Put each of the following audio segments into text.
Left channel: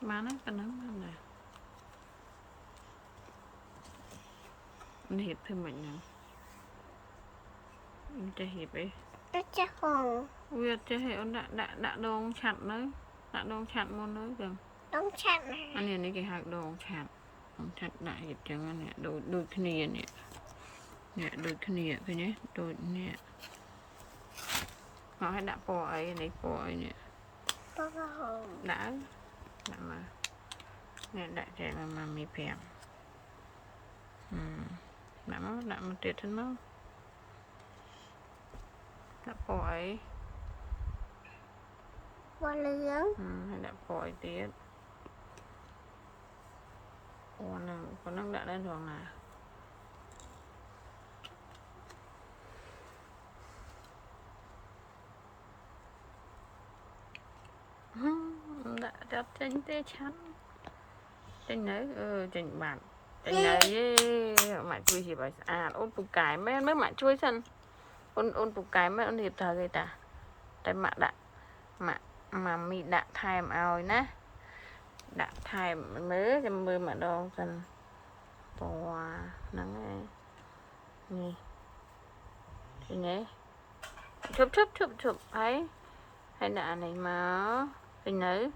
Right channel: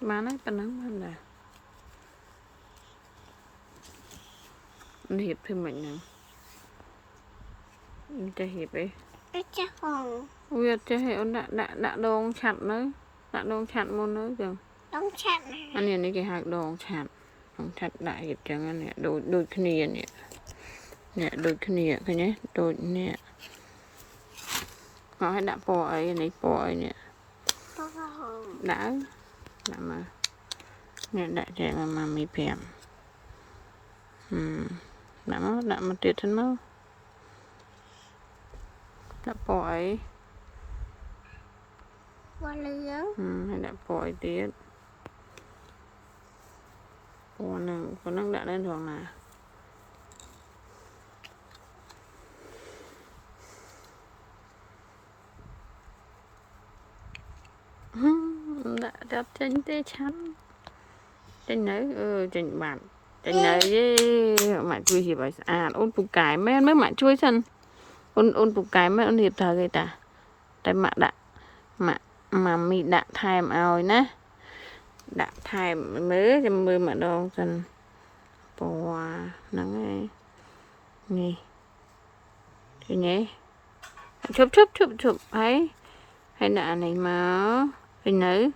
Má nó cái nắng hơn nè. Hiệp thêm mình nè. Cho hiệp đi. Chắc hồn. Ui cho hiệp đã đôn chặt nữa. Đã đôn chặt môn nữa kìa. Đóng chặt này. Anh này nó chỉ hai đôn chặt. Đôn chặt đại hiệp chẳng anh nè. Đôi cái nìa nè. Nè đôi cái nìa cái nhé. Đôi nè. Nó đã bỏ ấy này bỏ ấy nè. Đã mà nè đại trẻ mà mì phèm đã mà tiệt thân máu đã bỏ ấy Bỏ lưỡng hay đã bỏ ấy tiệt con năng đã lên rồi nè đã tranh tê chắn tranh nấy tranh bạc tranh nấy mà chui gì vậy ôn phụ cái mấy mà chui sân ôn phụ cái mấy ôn hiệp thờ người ta tại mà mà mi đã thèm ao nè đã thèm mới cho mưa mà đâu sân bò nắng ấy nè thì nhé chụp ấy hay đã này mà hình nữ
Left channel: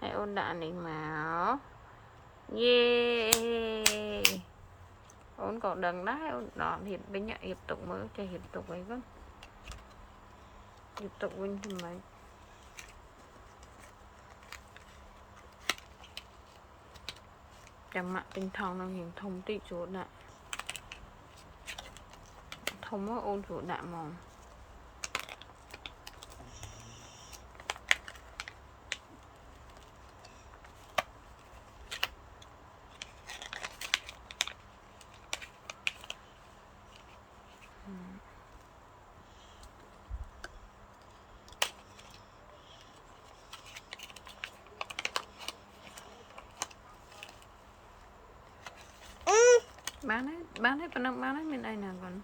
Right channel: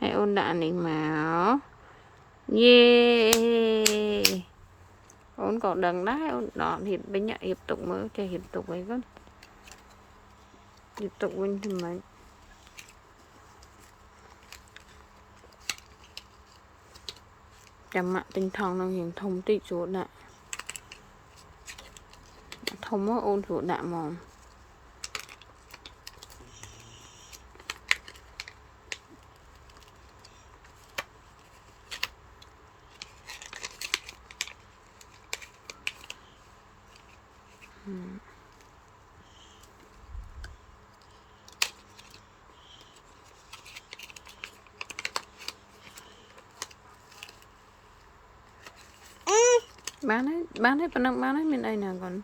hay ôn đã này mà yeah ôn còn đằng đấy ôn đó hiệp bên nhà hiệp tục mới cho hiệp tục ấy con hiệp tục bên thì mấy chăm mạ tinh thần nó hình thông tích xuống lại thông mới ôn xuống đạ mòn bán đấy phần bán đấy bên đây nè còn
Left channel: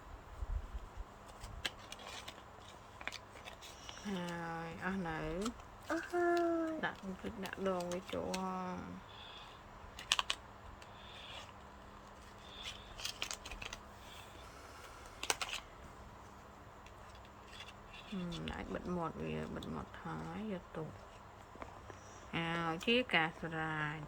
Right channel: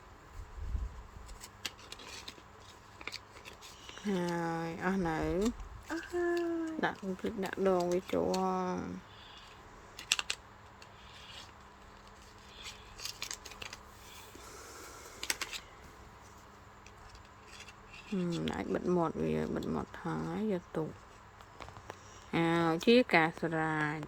rồi ăn này đặt đồ với chỗ lại bật một vì bật một thằng ấy giờ tụ chiếc cà sài